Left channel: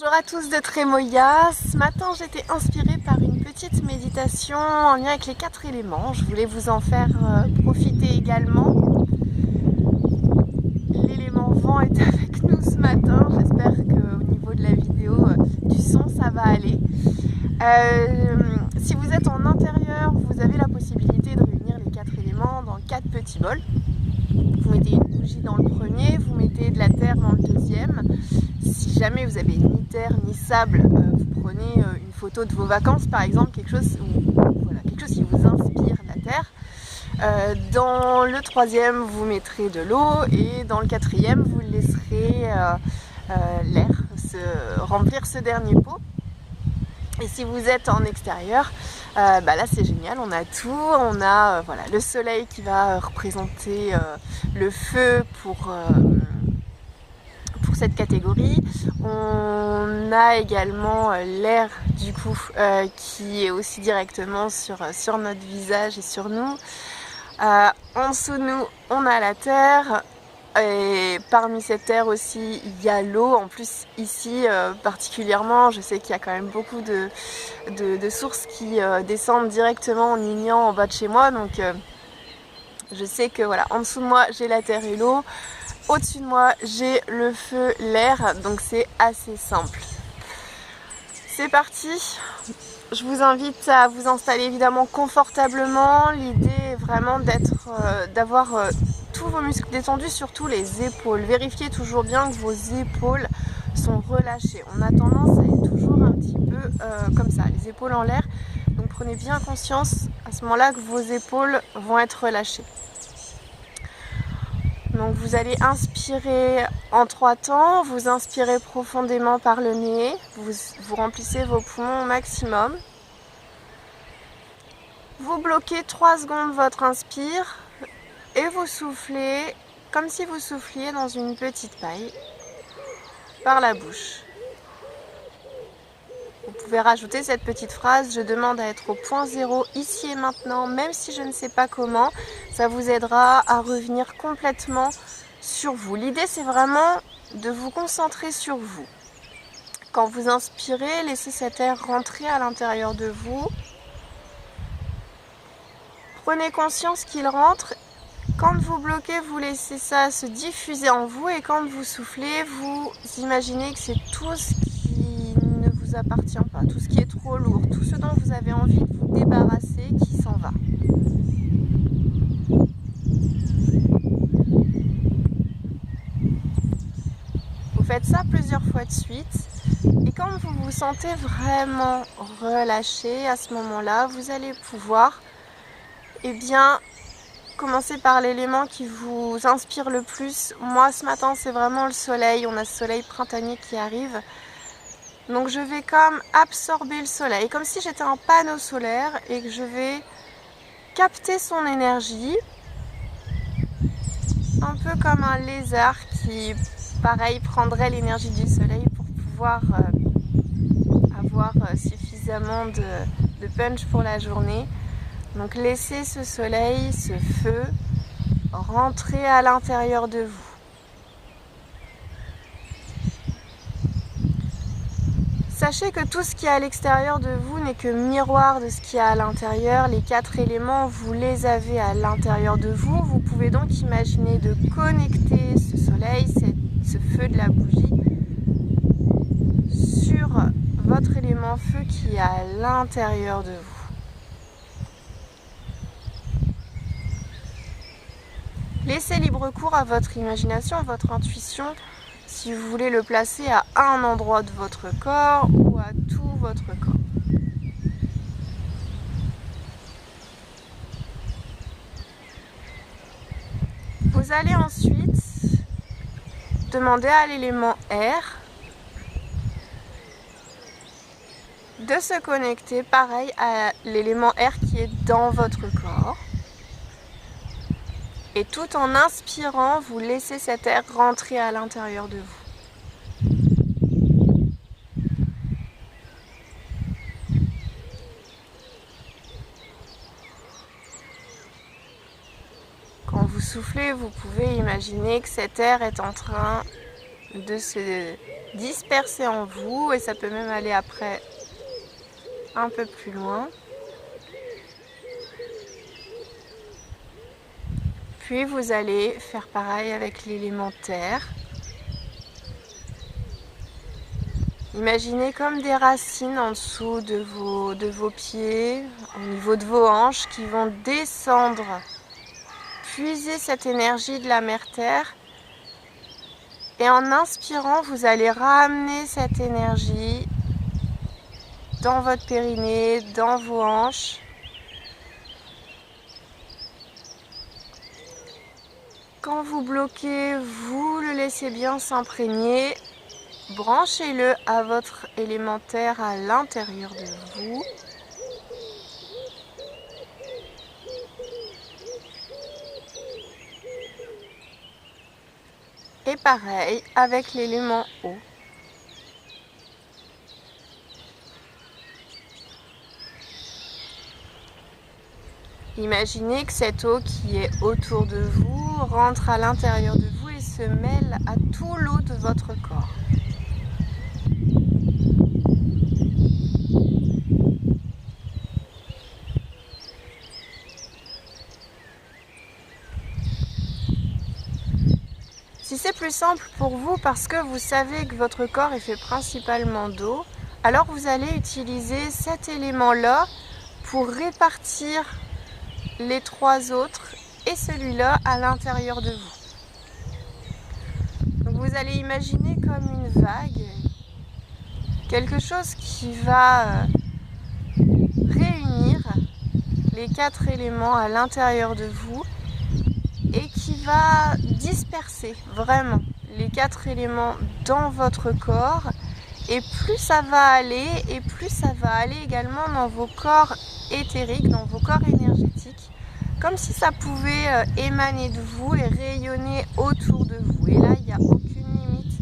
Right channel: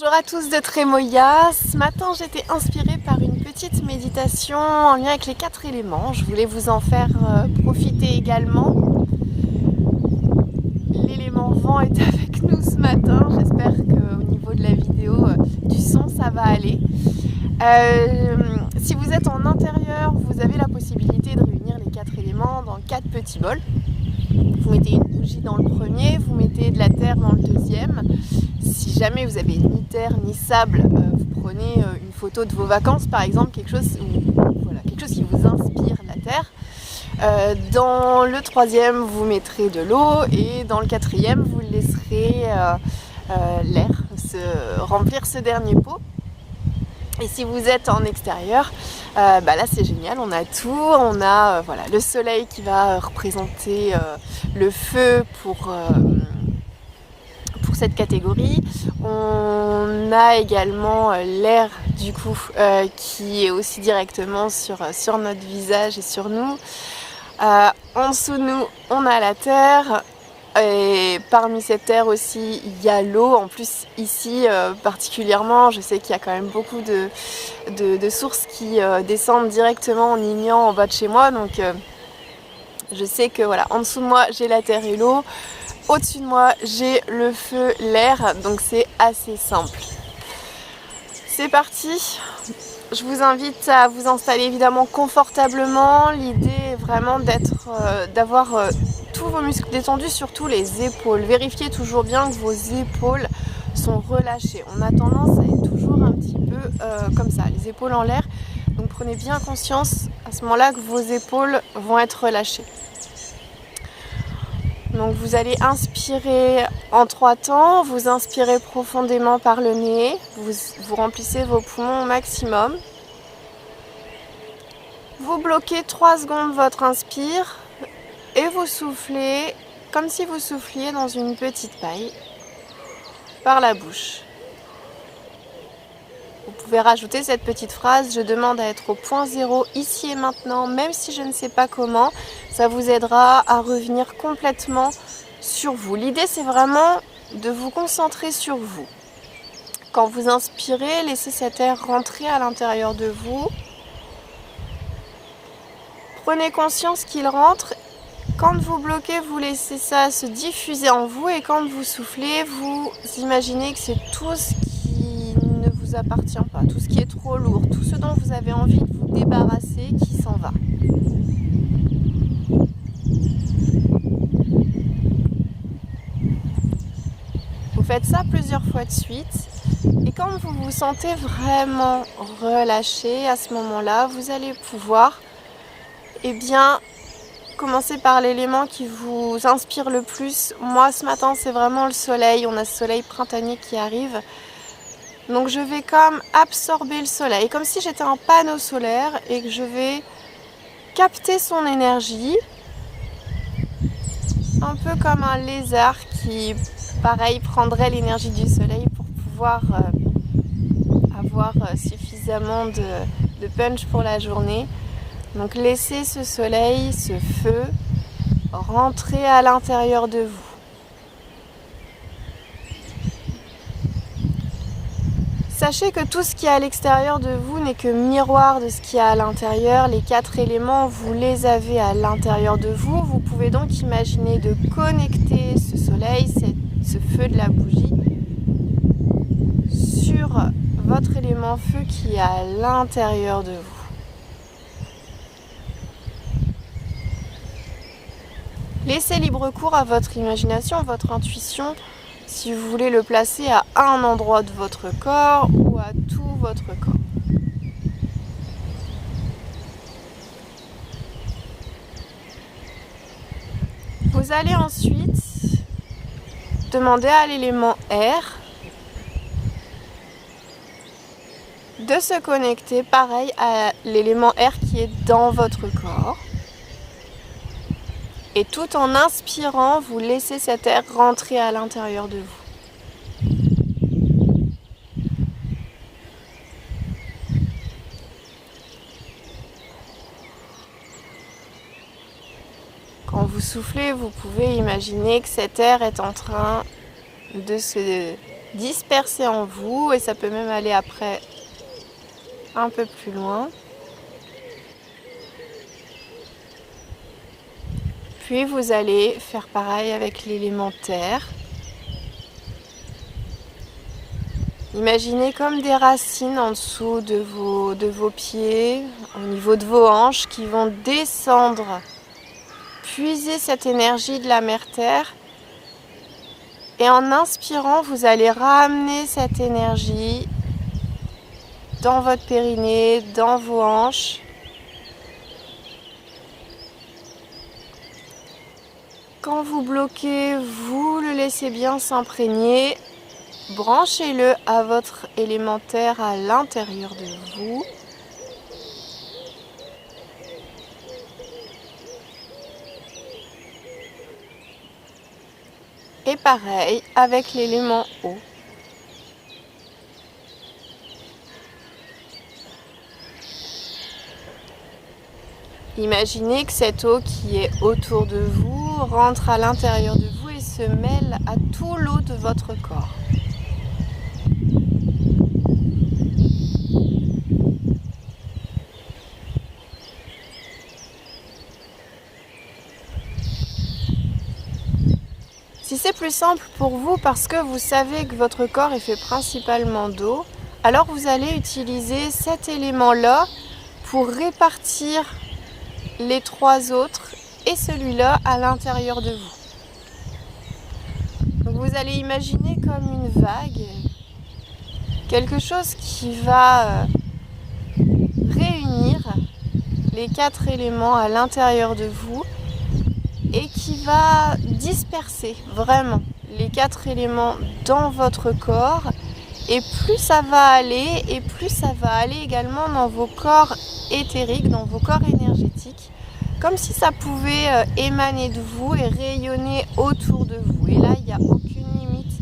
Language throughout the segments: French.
Bonjour à tous de Trémoïa. Ce matin j'étais inspirée par une petite méditation en lien avec les 4 éléments. Je voulais vous en faire profiter également. L'élément vent est avec nous ce matin. J'espère qu'au niveau de la vidéo, du son, ça va aller. Si vous êtes en intérieur, vous avez la possibilité de réunir les 4 éléments dans 4 petits bols. Vous mettez une bougie dans le premier, vous mettez de la terre dans le deuxième. Si jamais vous avez ni terre ni sable, vous prenez une photo de vos vacances par exemple, quelque chose qui vous inspire la terre. Dans le troisième, vous mettrez de l'eau et dans le quatrième, vous laisserez l'air remplir ce dernier pot. Et si vous êtes en extérieur, là c'est génial, on a tout, on a le soleil qui va représenter le feu pour cette catégorie. On a également l'air du coup qui est aussi directement sur notre visage et sur nous. En dessous de nous, on a la terre. Et parmi cette terre aussi, il y a l'eau. En plus, ici particulièrement, je sais qu'il y a quand même beaucoup de sources qui descendent directement en Ignan en bas de chez moi. Donc, je sais que voilà, en dessous de moi, j'ai la terre et l'eau. Au-dessus de moi, j'ai le feu, l'air. Donc, c'est assez simple. C'est parti. Je vous invite à vous installer évidemment confortablement. L'idée est vraiment d'avoir tous vos muscles détendus, surtout les épaules. Vérifiez toujours bien que vos épaules sont relâchées. On a tendance à être toujours un petit peu comme ça, les épaules en l'air. Donc prenez bien conscience à ce moment-là que vos épaules vont être relâchées. Donc vous allez inspirer en 3 temps, vous inspirez profondément par le nez, vous remplissez vos poumons au maximum. Vous bloquez 3 secondes votre inspire et vous soufflez comme si vous souffliez dans une petite paille par la bouche. Vous pouvez rajouter cette petite phrase: je demande à être au point zéro ici et maintenant, même si je ne sais pas comment. Ça vous aidera à revenir complètement sur vous. L'idée, c'est vraiment de vous concentrer sur vous. Quand vous inspirez, laissez cet air rentrer à l'intérieur de vous. Prenez conscience qu'il rentre. Quand vous bloquez, vous laissez ça se diffuser en vous, et quand vous soufflez, vous imaginez que c'est tout ce qui ne vous appartient pas, tout ce qui est trop lourd, tout ce dont vous avez envie de vous débarrasser qui s'en va. Vous faites ça plusieurs fois de suite, et quand vous vous sentez vraiment relâché, à ce moment-là, vous allez pouvoir commencer par l'élément qui vous inspire le plus. Moi, ce matin, c'est vraiment le soleil. On a ce soleil printanier qui arrive. Donc, je vais comme absorber le soleil, comme si j'étais un panneau solaire et que je vais capter son énergie. Un peu comme un lézard qui, pareil, prendrait l'énergie du soleil pour pouvoir avoir suffisamment de punch pour la journée. Donc laissez ce soleil, ce feu, rentrer à l'intérieur de vous. Sachez que tout ce qui est à l'extérieur de vous n'est que miroir de ce qui est à l'intérieur. Les 4 éléments, vous les avez à l'intérieur de vous. Vous pouvez donc imaginer de connecter ce soleil, ce feu de la bougie, sur votre élément feu qui est à l'intérieur de vous. Laissez libre cours à votre imagination, à votre intuition, si vous voulez le placer à un endroit de votre corps ou à tout votre corps. Vous allez ensuite demander à l'élément air de se connecter, pareil, à l'élément air qui est dans votre corps. Et tout en inspirant, vous laissez cet air rentrer à l'intérieur de vous. Quand vous soufflez, vous pouvez imaginer que cet air est en train de se disperser en vous, et ça peut même aller après un peu plus loin. Puis vous allez faire pareil avec l'élément terre. Imaginez comme des racines en dessous de vos pieds, au niveau de vos hanches, qui vont descendre, puiser cette énergie de la mère terre. Et en inspirant, vous allez ramener cette énergie dans votre périnée, dans vos hanches. Quand vous bloquez, vous le laissez bien s'imprégner. Branchez-le à votre élémentaire à l'intérieur de vous. Et pareil avec l'élément eau. Imaginez que cette eau qui est autour de vous rentre à l'intérieur de vous et se mêle à tout l'eau de votre corps. Si c'est plus simple pour vous parce que vous savez que votre corps est fait principalement d'eau, alors vous allez utiliser cet élément-là pour répartir les trois autres et celui-là à l'intérieur de vous. Donc vous allez imaginer comme une vague, quelque chose qui va réunir les quatre éléments à l'intérieur de vous et qui va disperser vraiment les quatre éléments dans votre corps. Et plus ça va aller, et plus ça va aller également dans vos corps éthériques, dans vos corps énergétiques, comme si ça pouvait émaner de vous et rayonner autour de vous. Et là, il n'y a aucune limite.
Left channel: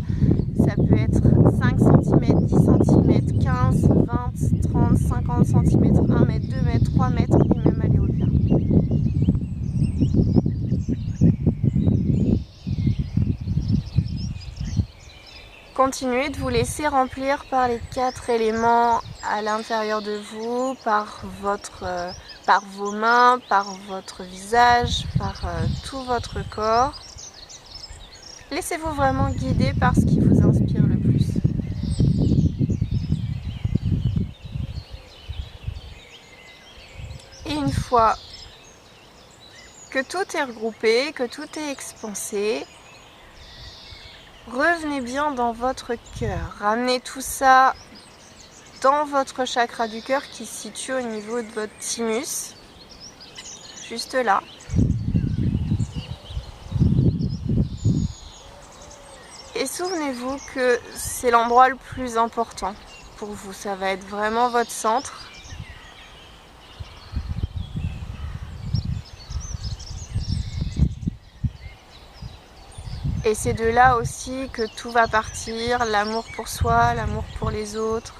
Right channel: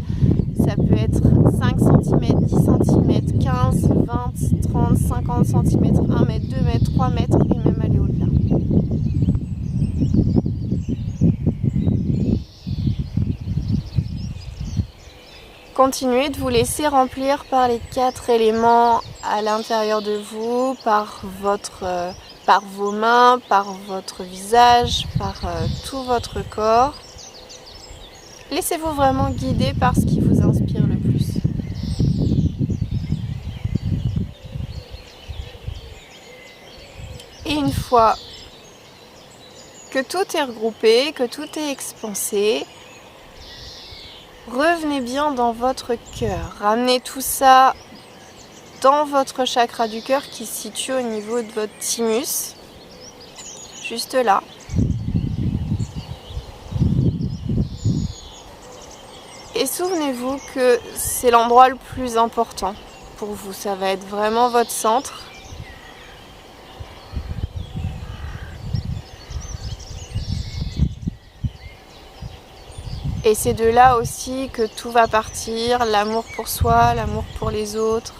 Ça peut être 5 cm, 10 cm, 15, 20, 30, 50 cm, 1 mètre, 2 mètres, 3 mètres et même aller au-delà. Continuez de vous laisser remplir par les quatre éléments à l'intérieur de vous, par vos mains, par votre visage, par tout votre corps. Laissez-vous vraiment guider par ce qui vous inspire le plus. Et une fois que tout est regroupé, que tout est expansé, revenez bien dans votre cœur. Ramenez tout ça dans votre chakra du cœur qui se situe au niveau de votre thymus, juste là. Et souvenez-vous que c'est l'endroit le plus important pour vous. Ça va être vraiment votre centre. Et c'est de là aussi que tout va partir, l'amour pour soi, l'amour pour les autres.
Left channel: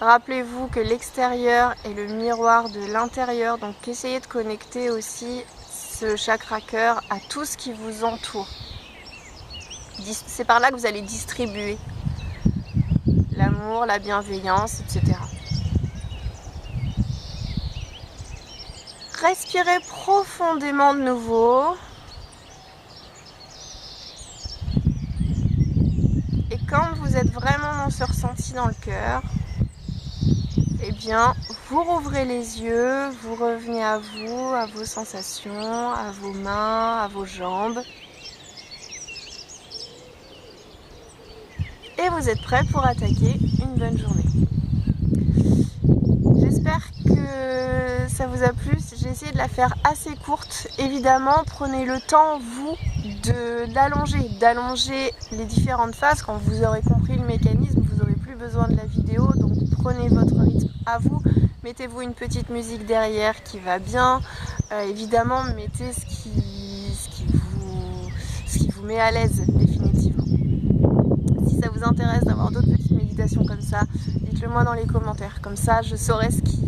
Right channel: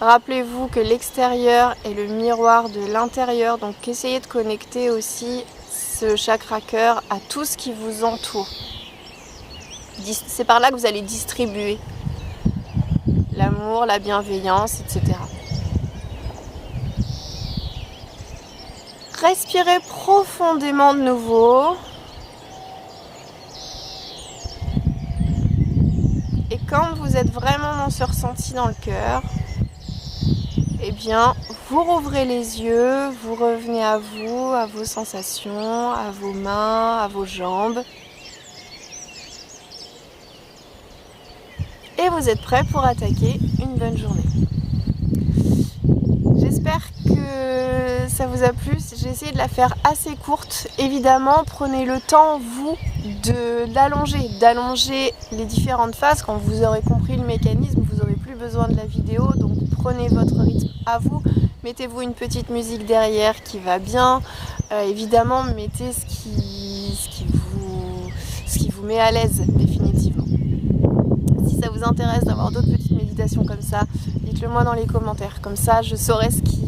Rappelez-vous que l'extérieur est le miroir de l'intérieur, donc essayez de connecter aussi ce chakra cœur à tout ce qui vous entoure. C'est par là que vous allez distribuer l'amour, la bienveillance, etc. Respirez profondément de nouveau. Et quand vous êtes vraiment dans ce ressenti dans le cœur, eh bien, vous rouvrez les yeux, vous revenez à vous, à vos sensations, à vos mains, à vos jambes. Et vous êtes prêts pour attaquer une bonne journée. J'espère que ça vous a plu. J'ai essayé de la faire assez courte. Évidemment, prenez le temps, vous, d'allonger les différentes phases. Quand vous aurez compris le mécanisme, vous n'aurez plus besoin de la vidéo. Donc prenez votre rythme à vous. Mettez-vous une petite musique derrière qui va bien. Évidemment, mettez ce qui vous met à l'aise définitivement. Si ça vous intéresse d'avoir d'autres petites méditations comme ça, dites-le moi dans les commentaires. Comme ça, je saurai ce qui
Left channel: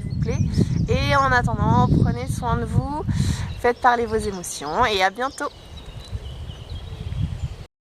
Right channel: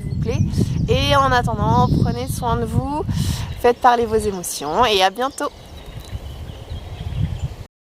vous plaît. Et en attendant, prenez soin de vous, faites parler vos émotions et à bientôt.